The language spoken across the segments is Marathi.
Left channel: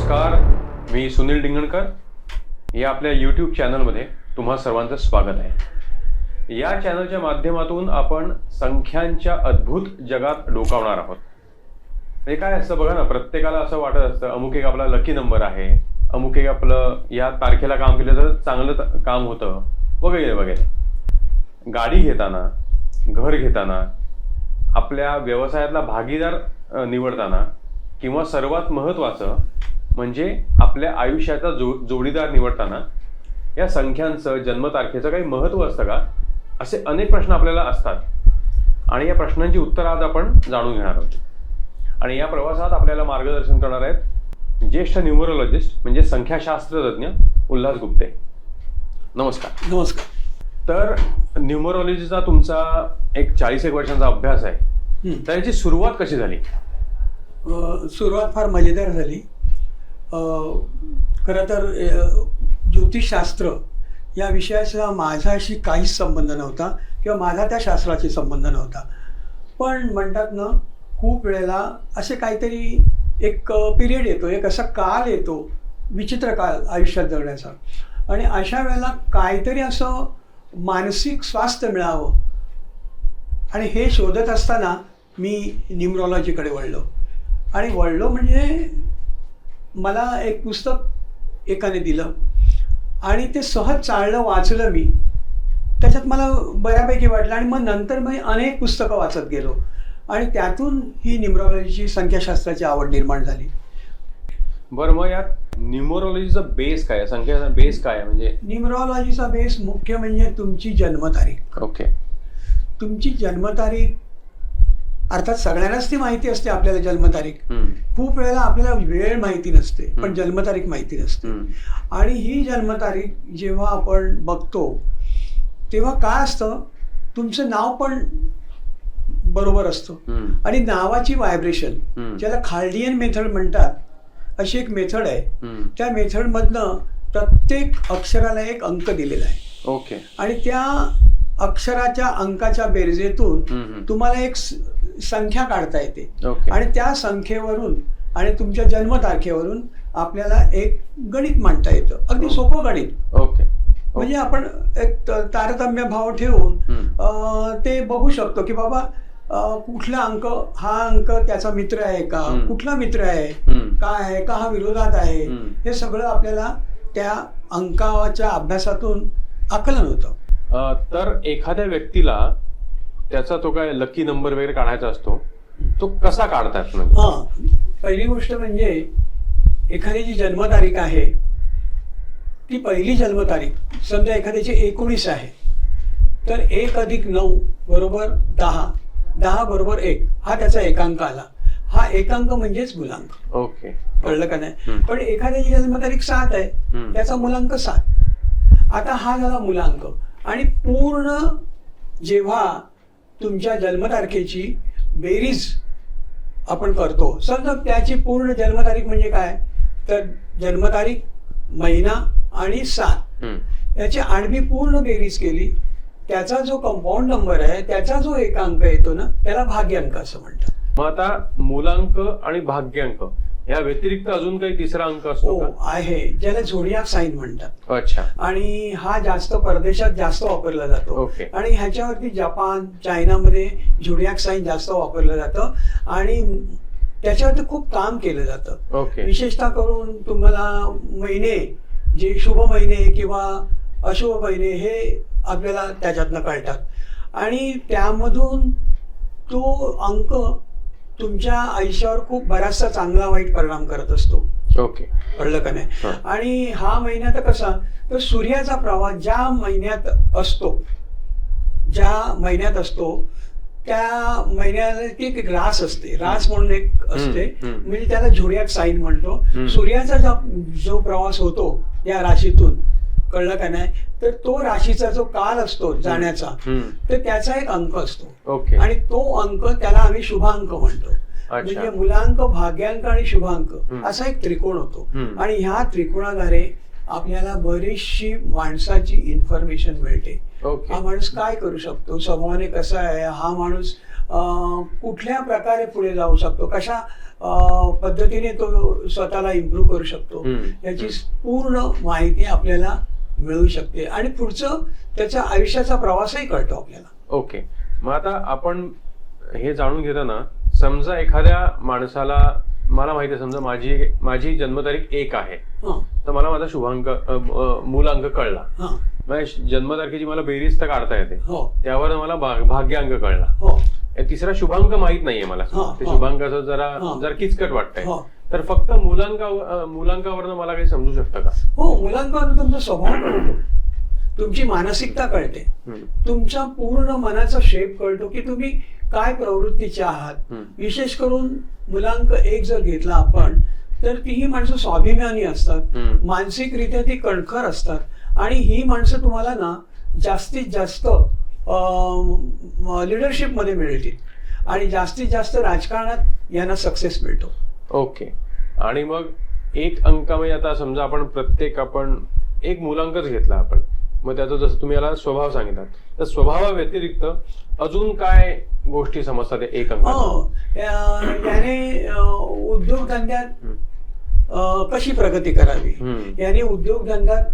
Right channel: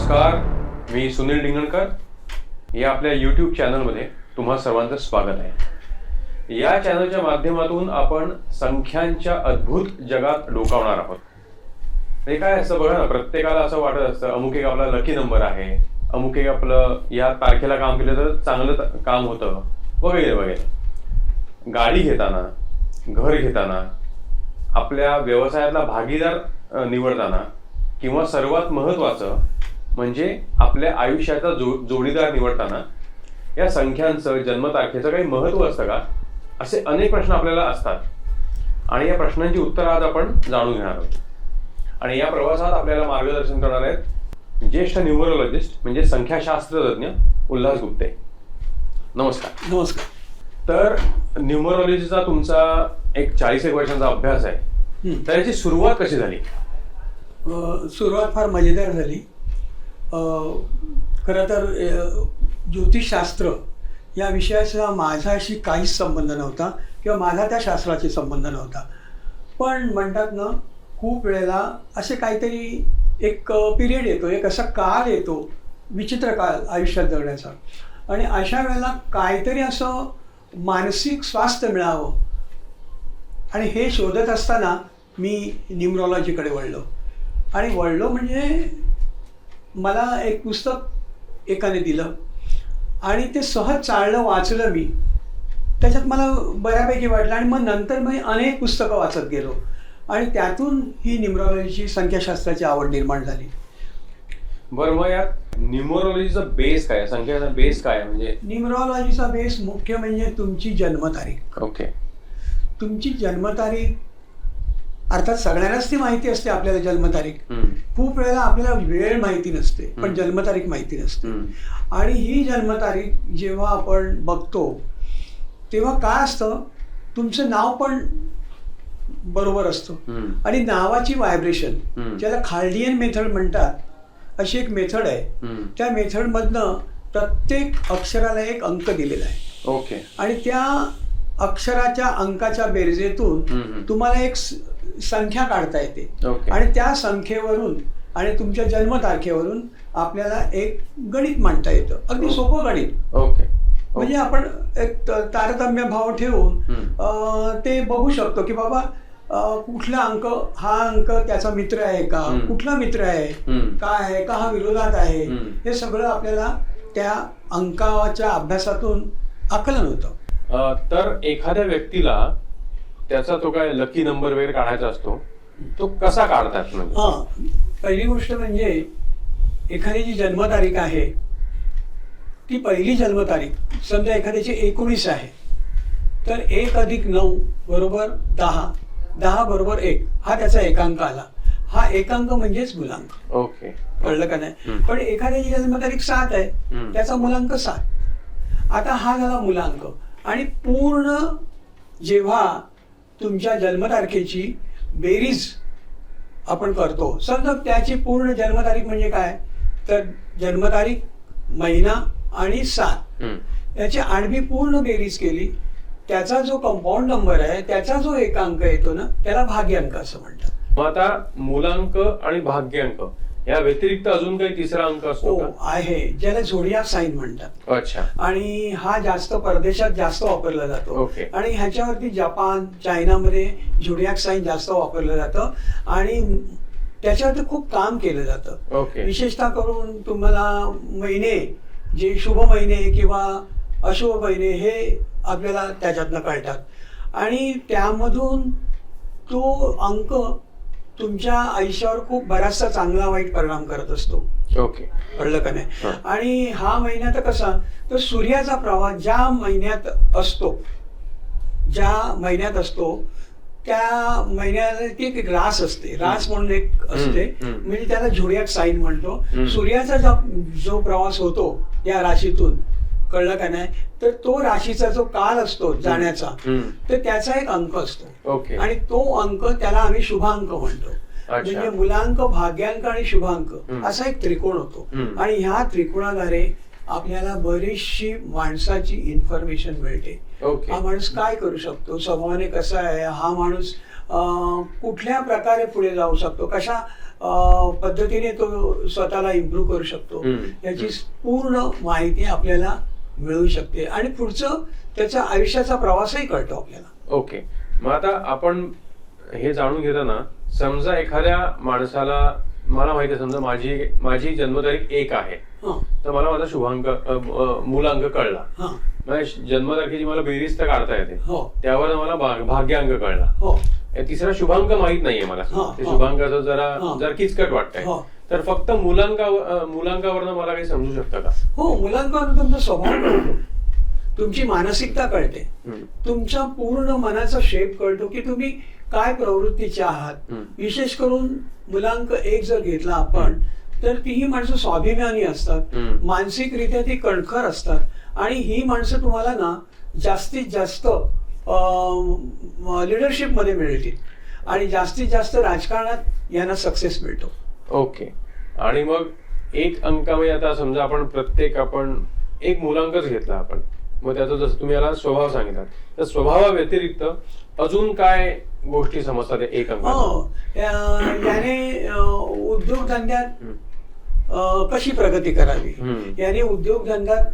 नमस्कार मी सुनील डिंगणकर. या आपल्या यूट्यूब चॅनलमध्ये तुम्हा सर्वांचं स्वागत आहे. या चॅनलच्या माध्यमातून आपण संख्यांच्या अद्भुत जगात डोकावणार आहोत. हे काय असतं बघा ना प्रत्येकाला असं वाटत असतं अमुक एक आपला लकी नंबर आहे अमुक एक आपलं या तारखेला काम केलं तर चांगलं काम होतं वगैरे वगैरे. गाडी घेताना घर घेताना आपल्या व्यवसायातला भागीदार निवडताना किंवा सर्वात महत्त्वाचं म्हणजे आपल्या आयुष्याचा जो जोडीदार निवडताना या संख्यांचं जन्मतारखेचं काही महत्त्व असतं का? असे अनेक प्रश्न आपल्याला असतात. आणि या प्रश्नांची उत्तरं आज आपण जाणून घेणार आहोत. आणि या प्रवासात आपल्याला मार्गदर्शन करणार आहेत ज्येष्ठ न्यूमरोलॉजिस्ट म्हणजे संख्याशास्त्रज्ञ उल्हास गुप्ते. नमस्कार. नमस्कार. तर न्यूमरोलॉजीचा तुमचा एक चाळीस एक वर्षांचा अभ्यास आहे. तर याची सुरुवात कशी झाली? सुरुवात फार मजेदार झाली. खरं तर ज्योतिषशास्त्र या विषयाचा माझ्याशी काहीच संबंध नव्हता किंवा माझा त्या शास्त्राशी संबंध नव्हता. पण म्हणतात ना खूप वेळेला असे काहीतरी एक पिरियड येतो एक असा काळ येतो विचित्र काळ आयुष्यात जगण्याचा. आणि अशा वेळेला काहीतरी असं मानसिक स्वास्थ्य मिळावं आणि हे शोधत असताना मी न्यूमरॉलॉजीकडे वळलो. आणि वळलो म्हणजे मला एक पुस्तक एकाने दिलं आणि ते सहज चाललं वाचलं मी. त्याच्यात मला बऱ्यापैकी वाटलं आणि मग नंतर मी अनेक पुस्तकं वाचत गेलो. आणि त्यातून ही न्यूमरॉलॉजीची संख्याशास्त्राची आवड निर्माण झाली. बरं मग यात न्यूमरोलॉजीचा बेस काय? संख्याचा बेस काय आहे? म्हणजे न्यूमरॉलॉजीचा बेस मुख्य म्हणजे तुमची जन्मतारीख. ओके. तुमची जन्मतारीख अर्थात सगळ्यांनाच ती माहिती असते आपल्याला जन्मतारीख. खूप वेळेला आपल्याला वेळ माहिती नसते पण. जन्मतारीख माहिती नसते. आणि ही जन्मतारीख जेव्हा आपण बघतो तेव्हा काय असतं? तुमचं नाव पण बरोबर असतं. आणि नावाची व्हायब्रेशन. ज्याला खाल्डियन मेथड म्हणतात अशी एक मेथड आहे. त्या मेथडमधनं प्रत्येक अक्षराला एक अंक दिलेला आहे. ओके. आणि त्या अक्षराच्या अंकाच्या बेरजेतून. तुम्हाला एक संख्या काढता येते. आणि त्या संख्येवरून आणि तुमच्या जन्मतारखेवरून आपल्याला एक गणित मांडता येतं. अगदी सोपं गणित. ओके. म्हणजे आपण एक तारतम्य भाव ठेवून ते बघू शकतो की बाबा कुठला अंक हा अंक त्याचा मित्र आहे का. कुठला मित्र आहे. काय आहे? का हा विरोधात आहे. हे सगळं आपल्याला त्या अंकाच्या अभ्यासातून आकलन होतं. तर एखाद्या व्यक्तीला त्याचा तो काय लकी नंबर वगैरे काढायचा असतो तो कसा काढतात म्हणजे? हा पहिली गोष्ट म्हणजे एखादी जी जन्मतारीख आहे ती पहिली जन्मतारीख समजा एखाद्याची एकोणीस आहे तर एक अधिक नऊ बरोबर दहा दहा बरोबर एक हा त्याचा एकांक आला. हा एकांक म्हणजेच मुलांक ओके. कळलं का नाही. पण एखाद्याची जन्मतारीख सात आहे. त्याचा मुलांक सात. आता हा झाला मुलांक. आणि पूर्ण जेव्हा तुमच्या जन्मतारखेची बेरीज आपण करतो समजा त्याची पूर्ण जन्मतारीख म्हणजे काय? तर जन्मतारीख महिना आणि सात. याची आडवी पूर्ण बेरीज केली त्याचा जो कंपाऊंड नंबर आहे त्याचा जो एकांक येतो ना त्याला भाग्यांक असं म्हणतात. मग आता मूलांक आणि भाग्यांक. या व्यतिरिक्त अजून काही तिसरा अंक असतो हो का? आहे. ज्याला झोडियाक साईन म्हणतात. अच्छा. आणि हा जास्त परदेशात जास्त वापरला जातो. ओके. आणि ह्याच्यावरती जपान चायनामध्ये झुडियाक साईन जास्त वापरलं जातं. आणि त्याच्यावरती खूप काम केलं जातं. ओके. विशेषतः करून तुम्हाला महिने जे शुभ महिने किंवा अशुभ महिने हे आपल्याला त्याच्यातनं कळतात. आणि त्यामधून तो अंक तुमच्या आयुष्यावर खूप बराचसा चांगला वाईट परिणाम करत असतो. ओके. कळलं का नाही. आणि हा महिना तर कसा तर सूर्याचा प्रवाह ज्या महिन्यात असतो ज्या महिन्यात असतो त्या महिन्याला ती एक रास असते. रास म्हणून एक असते. म्हणजे त्याला झोडियाक साईन म्हणतो. सूर्याचा जो जो प्रवास होतो या राशीतून कळलं का नाही तर तो राशीचा जो काल असतो जाण्याचा. तर त्याचा एक अंक असतो. ओके. आणि तो अंक त्याला आम्ही शुभांक म्हणतो. म्हणजे मुलांक भाग्यांक आणि शुभांक. असा एक त्रिकोण होतो. आणि ह्या त्रिकोणाद्वारे आपल्याला बरीचशी माणसाची इन्फॉर्मेशन मिळते. हा माणूस काय करू शकतो? स्वभावाने कसा आहे? हा माणूस कुठल्या प्रकारे पुढे जाऊ शकतो? कशा पद्धतीने तो स्वतःला इम्प्रूव्ह करू शकतो. याची पूर्ण माहिती आपल्याला मिळू शकते. आणि पुढचं त्याच्या आयुष्याचा प्रवासही कळतो आपल्याला. ओके. मग आता आपण हे जाणून घेताना समजा एखाद्या माणसाला मला माहिती आहे समजा माझी माझी जन्मतारीख एक आहे. तर मला माझा शुभांक मूलांक कळला. हां. जन्मतारखेची मला बेरीज तर काढता येते. हो. त्यावर मला भाग- भाग्यांक कळला. हो. तिसरा शुभांक माहीत नाहीये मला. ते. शुभांकाचं जरा. जरा किचकट वाटतंय. हो. तर फक्त मुलांकावरनं मला काही समजू शकतं का? हो मुलांकडून तुमचा स्वभाव कळतो. तुमची मानसिकता कळते. हम्म. तुमचा पूर्ण मनाचा शेप कळतो की तुम्ही काय प्रवृत्तीचे आहात. विशेष करून मुलांक एक जर घेतला आपण तर ती ही माणसं स्वाभिमानी असतात. मानसिकरित्या ती कणखर असतात. आणि ही माणसं तुम्हाला ना जास्तीत जास्त लिडरशिपमध्ये मिळतील. आणि जास्तीत जास्त राजकारणात यांना सक्सेस मिळतो. ओके. आणि मग एक अंकामध्ये आता समजा आपण प्रत्येक आपण एक मुलांकच घेतला आपण. मग त्याचा जसं तुम्ही याला स्वभाव सांगितला तर स्वभावा व्यतिरिक्त अजून काय गोष्टी समजतात एक अंकात? हो याने उद्योगधंद्यात कशी प्रगती करावी. याने उद्योगधंद्यात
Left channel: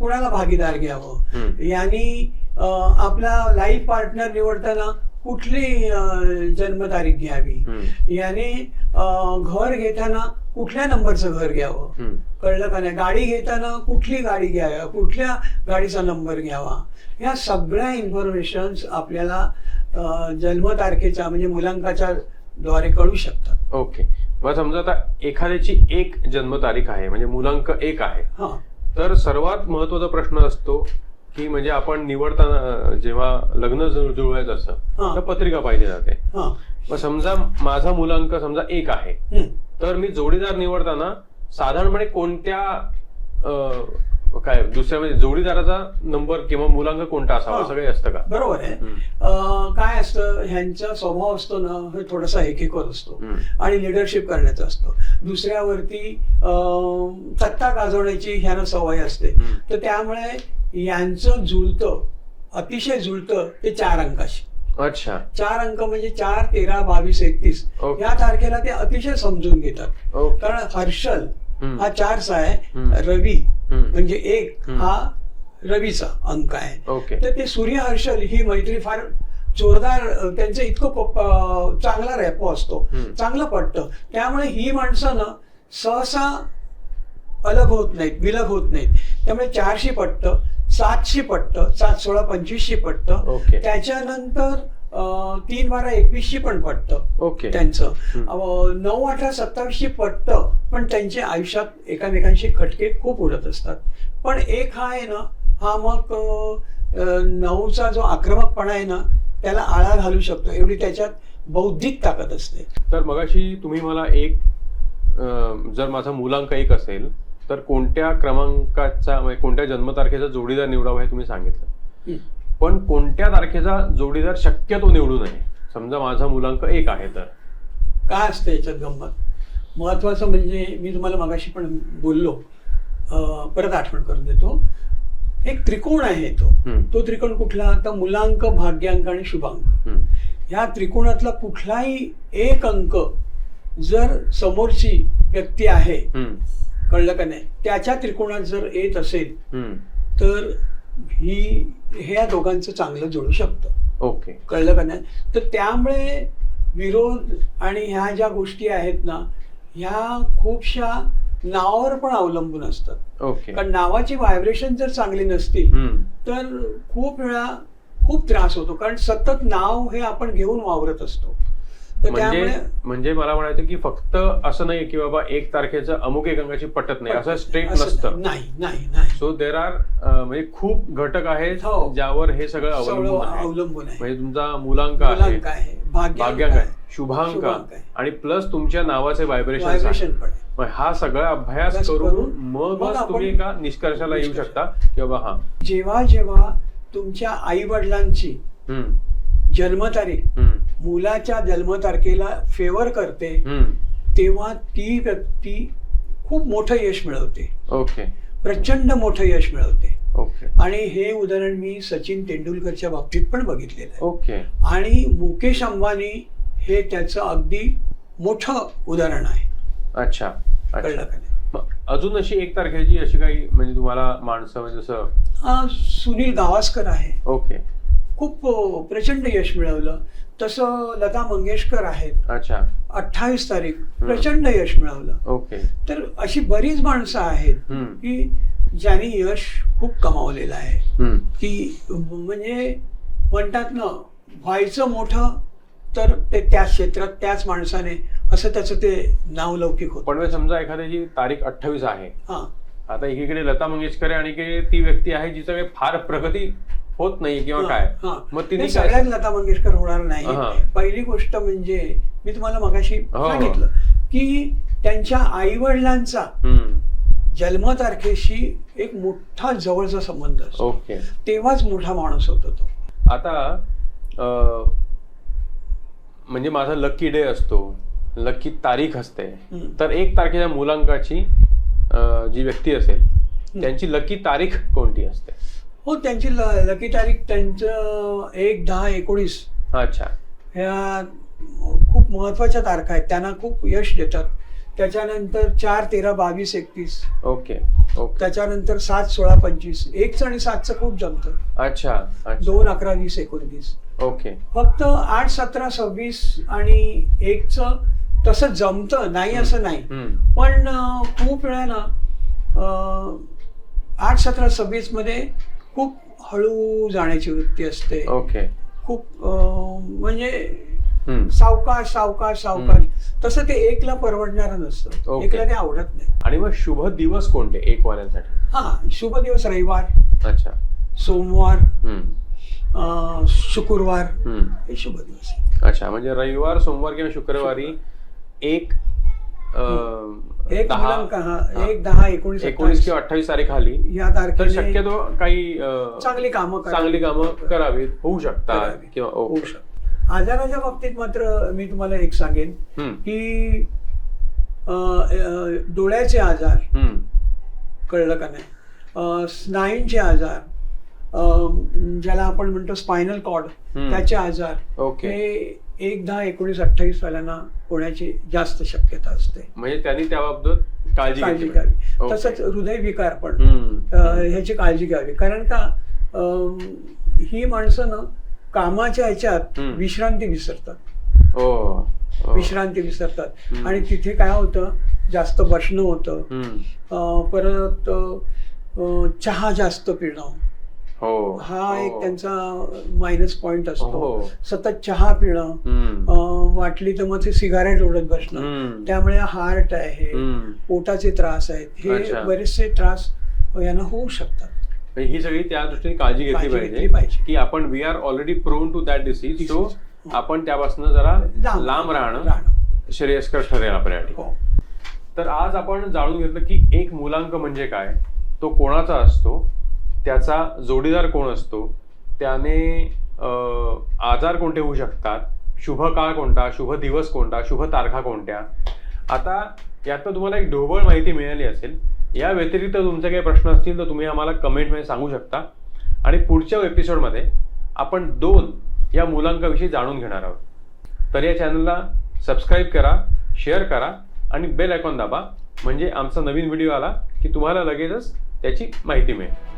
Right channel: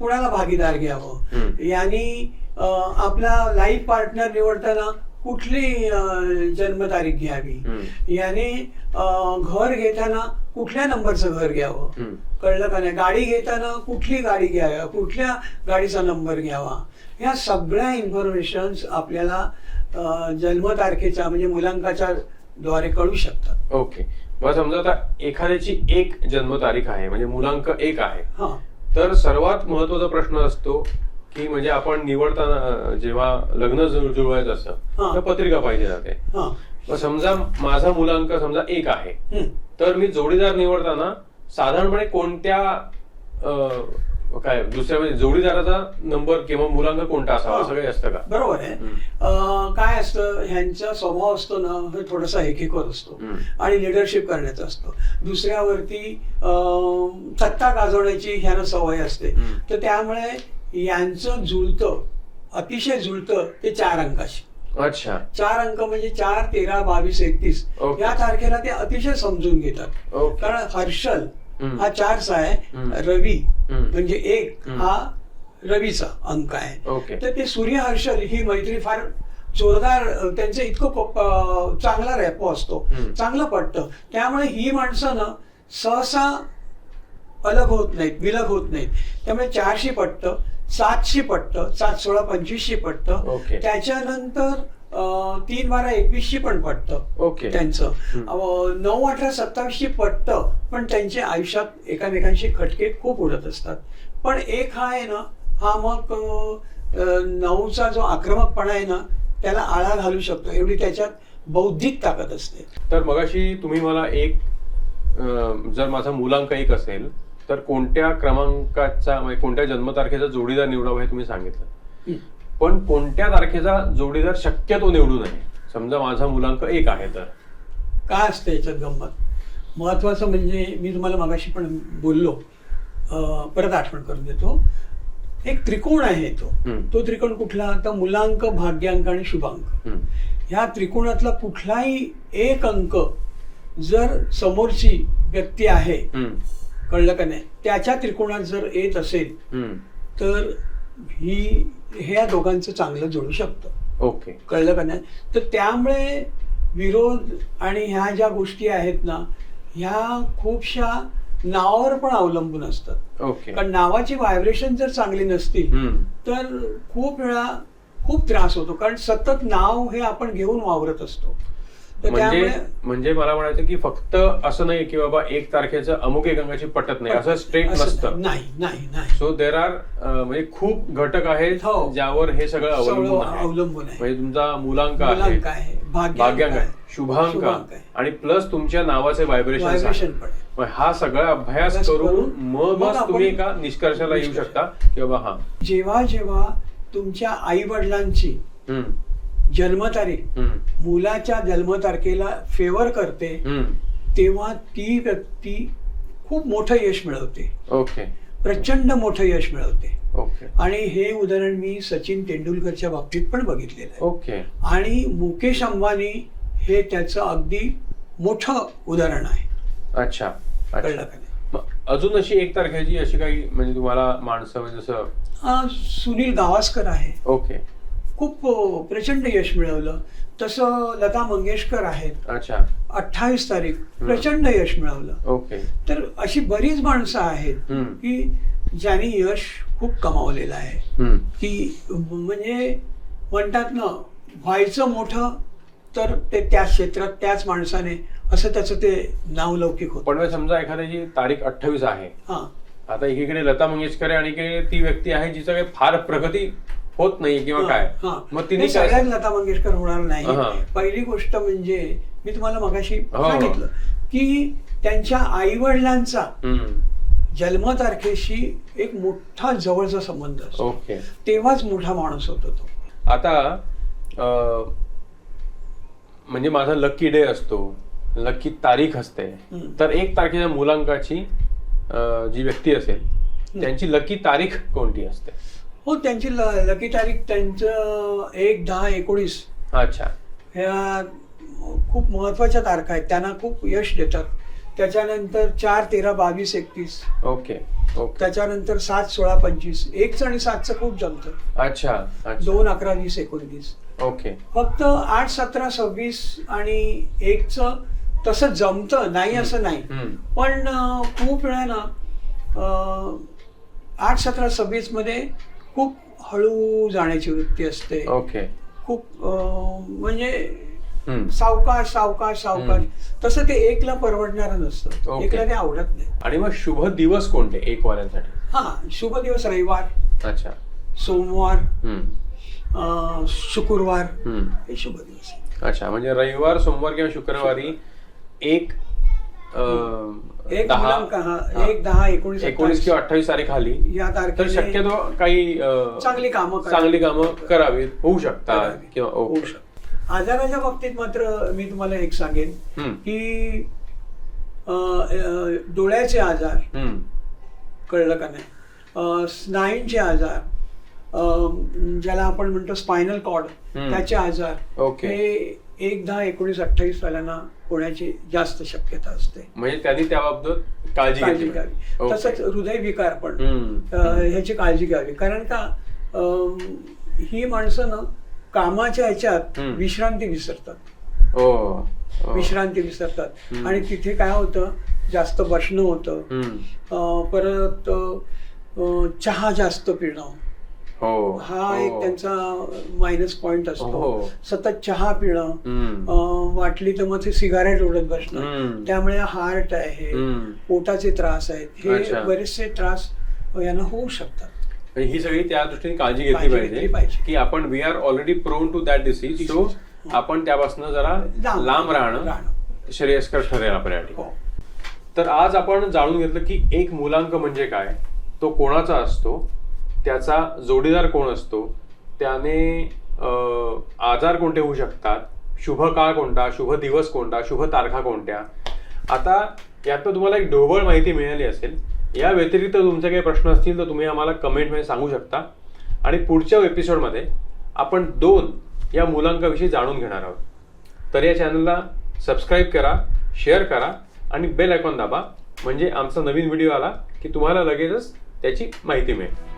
कुणाला भागीदार घ्यावं. यांनी आपला लाईफ पार्टनर निवडताना कुठली जन्मतारीख घ्यावी. याने घर घेताना कुठल्या नंबरचं घर घ्यावं. कळलं का नाही? गाडी घेताना कुठली गाडी घ्यावी? कुठल्या गाडीचा नंबर घ्यावा? ह्या सगळ्या इन्फॉर्मेशन्स आपल्याला जन्मतारखेच्या म्हणजे मुलांकाच्या द्वारे कळू शकतात. ओके. मग समजा आता एखाद्याची एक जन्मतारीख आहे म्हणजे मुलांक एक आहे. हा. तर सर्वात महत्त्वाचा प्रश्न असतो की म्हणजे आपण निवडताना जेव्हा लग्न जुळ- जुळवायचं असतं. तर पत्रिका पाहिजे जाते हा समजा माझा मुलांक समजा एक आहे. तर मी जोडीदार निवडताना साधारणपणे कोणत्या काय दुसऱ्या म्हणजे जोडीदाराचा नंबर किंवा मुलांक कोणता असावा. असं काही असतं का बरोबर आहे काय असतं ह्यांचा स्वभाव असतो ना हे थोडासा हेकेकर असतो. आणि लिडरशिप करण्याचा असतो दुसऱ्यावरती सत्ता गाजवण्याची ह्यांना सवय असते. तर त्यामुळे यांचं जुळतं अतिशय जुळतं ते चार अंकाशी अच्छा चार अंक म्हणजे चार तेरा बावीस एकतीस. या तारखेला ते अतिशय समजून घेतात कारण हर्षल. हा चारचा आहे. रवी. म्हणजे एक. हा रवीचा अंक आहे तर ते सूर्य हर्षल ही मैत्री फार जोरदार त्यांचं इतकं चांगला रॅपो असतो. चांगलं पटतं त्यामुळे ही माणसं ना सहसा अलग होत नाहीत विलग होत नाहीत त्यामुळे चारशी पटतं सातशी पटतं सात सोळा पंचवीसशी पटतं ओके. त्याच्यानंतर तीन बारा एकवीसशी पण पटतं ओके. त्यांचं. अ, नऊ अठरा सत्तावीसशी पटतं पण त्यांच्या आयुष्यात एकामेकांशी खटके खूप उडत असतात. पण एक हा आहे ना हा मग अ, नऊचा जो आक्रमकपणा आहे ना त्याला आळा घालू शकतो. एवढी त्याच्यात बौद्धिक ताकद असते. तर मगाशी तुम्ही मला एक अं, जर माझा मुलांक एक असेल तर कोणत्या क्रमांकाचा म्हणजे कोणत्या जन्मतारखेचा जोडीदार निवडावा हे तुम्ही सांगितलं. पण कोणत्या तारखेचा जोडीदार शक्यतो निवडू नये समजा माझा मुलांक एक आहे तर. काय असतं याच्यात गंमत? महत्वाचं म्हणजे मी तुम्हाला मगाशी पण बोललो. परत आठवण करून देतो. एक त्रिकोण आहे तो. तो त्रिकोण कुठला? तर मुलांक भाग्यांक आणि शुभांक. ह्या त्रिकोणातला कुठलाही एक अंक जर समोरची व्यक्ती आहे. कळलं का नाही? त्याच्या त्रिकोणात जर येत असेल. तर ही ह्या दोघांचं चांगलं जोडू शकतं. ओके. कळलं का नाही? तर त्यामुळे विरोध आणि ह्या ज्या गोष्टी आहेत ना ह्या खूपशा नावावर पण अवलंबून असतात. ओके. कारण नावाची व्हायब्रेशन जर चांगली नसतील. तर खूप वेळा खूप त्रास होतो. कारण सतत नाव हे आपण घेऊन वावरत असतो. म्हणजे म्हणजे मला म्हणायचं की फक्त असं नाही की बाबा एक तारखेचं अमुक एक अंगाची पटत नाही. असं स्ट्रेट नसतं. नाही नाही नाही. सो देर आर म्हणजे खूप घटक आहेत हो. ज्यावर हे सगळं अवलंबून अवलंबून म्हणजे तुमचा मुलांक आहे भाग्यांक आहे. शुभांक. आणि प्लस तुमच्या नावाचे व्हायब्रेशन हा सगळा अभ्यास करून मग तुम्ही एका निष्कर्षाला येऊ. शकता की बाबा हा. जेव्हा जेव्हा तुमच्या आई वडिलांची जन्मतारीख मुलाच्या जन्मतारखेला फेवर करते. तेव्हा ती व्यक्ती खूप मोठं यश मिळवते. ओके. प्रचंड मोठं यश मिळवते. ओके. आणि हे उदाहरण मी सचिन तेंडुलकरच्या बाबतीत पण बघितलेलं आहे. ओके. आणि मुकेश अंबानी हे त्याचं अगदी मोठं उदाहरण आहे. अच्छा. कळलं का अजून अशी एक तारखेची अशी काही म्हणजे तुम्हाला माणसं म्हणजे जसं सुनील गावस्कर आहे. ओके. खूप प्रचंड यश मिळवलं. तसं लता मंगेशकर आहेत. अच्छा. अठ्ठावीस तारीख प्रचंड यश मिळवलं. ओके. तर अशी बरीच माणसं आहेत हम्म. की ज्यांनी यश खूप कमावलेलं आहे. हम्म. की म्हणजे म्हणतात ना व्हायचं मोठं तर ते त्या क्षेत्रात त्याच माणसाने असं त्याचं ते नावलौकिक होतं. पण मग समजा एखाद्याची तारीख अठ्ठावीस आहे हां. आता एकीकडे लता मंगेशकर आहे आणि ती व्यक्ती आहे जिचं काही फार प्रगती होत नाही किंवा काय. मग तिने सगळ्यात लता मंगेशकर होणार नाही. पहिली गोष्ट म्हणजे मी तुम्हाला मगाशी हो. सांगितलं की त्यांच्या आई वडिलांचा. जन्मतारखेशी एक मोठा जवळचा संबंध असतो ओके तेव्हाच मोठा माणूस होतो तो आता म्हणजे माझा लकी डे असतो लकी तारीख असते. तर एक तारखेच्या मुलांकाची जी व्यक्ती असेल त्यांची लकी तारीख कोणती असते हो त्यांची ल- लकी तारीख त्यांचं एक दहा एकोणीस. अच्छा. ह्या खूप महत्त्वाच्या तारखा आहेत. त्यांना खूप यश देतात. त्याच्यानंतर चार तेरा बावीस एकतीस. Okay okay. त्याच्यानंतर सात सोळा पंचवीस. एकचं आणि सातचं खूप जमतं अच्छा अच्छा. दोन अकरा वीस एकोणतीस. ओके. फक्त आठ सतरा सव्वीस आणि एकचं तसं जमतं नाही असं नाही. हम्म. पण अं, खूप वेळा ना अं, आठ सतरा सव्वीसमध्ये खूप हळू जाण्याची वृत्ती असते. ओके. खूप म्हणजे. सावकाश सावकाश सावकाश. तसं ते एकला परवडणारं नसतं. एकला ते आवडत नाही. आणि मग शुभ दिवस कोणते एक वाल्यांसाठी हा शुभ दिवस रविवार. अच्छा. सोमवार. शुक्रवार. हम्म. हे शुभ दिवस. अच्छा म्हणजे रविवार सोमवार किंवा शुक्रवारी एक एक मुलांक हा. एक दहा एकोणीस एकोणीस किंवा अठ्ठावीस तारीख आली या तर तारखेने शक्यतो काही अं, चांगली कामं. चांगली कामं करावीत होऊ शकतात करावी. किंवा होऊ ओके. शकतं. आजाराच्या बाबतीत मात्र मी तुम्हाला एक सांगेन हम्म. की अं, अं, डोळ्याचे आजार हम्म. कळलं का नाही अं, स्नायूंचे आजार अं, ज्याला आपण म्हणतो स्पायनल कॉर्ड हम्म. त्याचे आजार ओके. हे एक दहा एकोणीस अठ्ठावीस सालांना होण्याची जास्त शक्यता असते म्हणजे त्यांनी त्याबाबत काळजी काळजी घेतली घ्यावी पाहिजे. ओके. तसंच हृदयविकार पण हम्म. ह्याची काळजी घ्यावी कारण का अं, ही माणसं ना कामाच्या ह्याच्यात हम्म. विश्रांती विसरतात हो हो. विश्रांती विसरतात हम्म. आणि तिथे काय होतं जास्त बसणं होतं हम्म. अं, परत अं, चहा जास्त पिणं हो हा हो. एक त्यांचा मायनस पॉइंट असतो हो. सतत चहा पिणं हम्म. अं, वाटली तर मग ते सिगारेट ओढत बसणं हम्म. त्यामुळे हार्ट आहे. पोटाचे त्रास आहेत हे. बरेचसे त्रास यांना होऊ शकतात ही सगळी त्या दृष्टीने काळजी घेतली पाहिजे. की आपण we are already prone to that disease so आपण त्यापासून जरा लांब- राहणं. श्रेयस्कर ठरेल आपल्यासाठी हो तर आज आपण जाणून घेतलं की एक मुलांक म्हणजे काय तो कोणाचा असतो त्याचा जोडीदार कोण असतो त्याने आजार कोणते होऊ शकतात शुभ काळ कोणता? शुभ दिवस कोणता? शुभ तारखा कोणत्या? आता यातनं तुम्हाला एक ढोबळ माहिती मिळाली असेल. या व्यतिरिक्त तुमचे काही प्रश्न असतील तर तुम्ही आम्हाला कमेंटमध्ये सांगू शकता. आणि पुढच्या एपिसोडमध्ये आपण दोन या मुलांकाविषयी जाणून घेणार आहोत. तर या चॅनलला सबस्क्राईब करा शेअर करा आणि बेल आयकॉन दाबा. म्हणजे आमचा नवीन व्हिडिओ आला की तुम्हाला लगेचच त्याची माहिती मिळेल.